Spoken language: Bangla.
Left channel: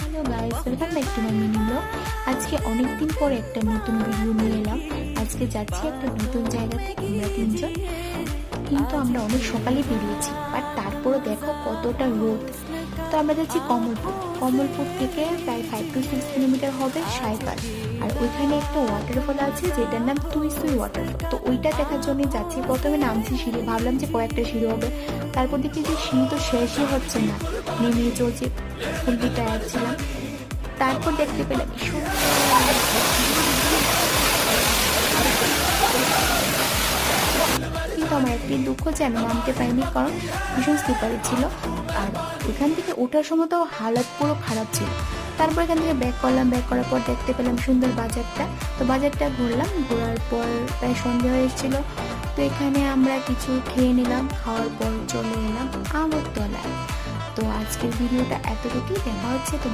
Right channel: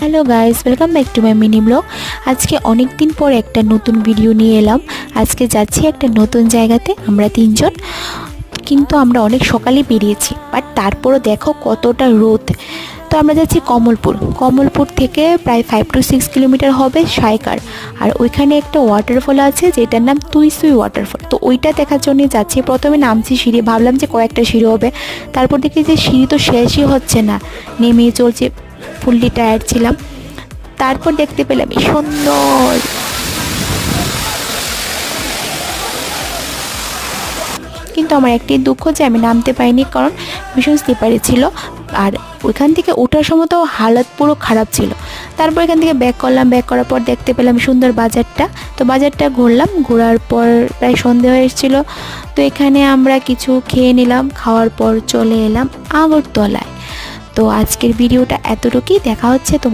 Hello guys, welcome back to my mini blog. আজকে অনেক দিন পর একটা নতুন ভিডিও নিয়ে এলাম। আজকে যাচ্ছি একটা নতুন জায়গাতে আমরা তিনজন, কিন্তু আমরা অনেক সকালে বেরিয়েছি, বাট তারপরও দেখো কতটা রোদ। তো আমরা যাচ্ছি কমলপুর থেকে প্রায় 5 to 6 কিলোমিটার হবে সায়কার। আর ওইখানে একটা ওয়াটারফল আছে যেটার নাম তুইসুই ওয়াটারফল। তো ওইটা দেখার জন্য যাচ্ছি। প্রথমে নামছি সিঁড়ি, ভাবলাম যে কয়েকটা সিঁড়ি হবে, তারপর দেখি যে সিঁড়ি তো শেষই হচ্ছে না, নেমে চলছে, ফুললি টায়ার্ড ছিলাম। তারপর দেখতে পেলাম এই সুন্দর, কিন্তু আমার একটি দুঃখ যে আমি নামতে পারিনি, কারণ ভীষণ স্লিপারি ছিল। আর ওইখান থেকে ওঠার সময় তো হালত পুরো খারাপ ছিল। তারপর এখান থেকে ব্যাক করলাম, ব্যাক করার পর দেখতে পেলাম সুন্দর বাজারটা। তো বাজারটা ঘুরলাম, ঘোরার পর প্রায় সন্ধে হয়ে এসেছিলো। তো এখানে আমরা কিছু খেয়ে নিলাম, খাওয়ার পর চলে এলাম আগরতলায়। তো আজকের ভিডিওটা এতটুকুই, দেখা হচ্ছে তোমার।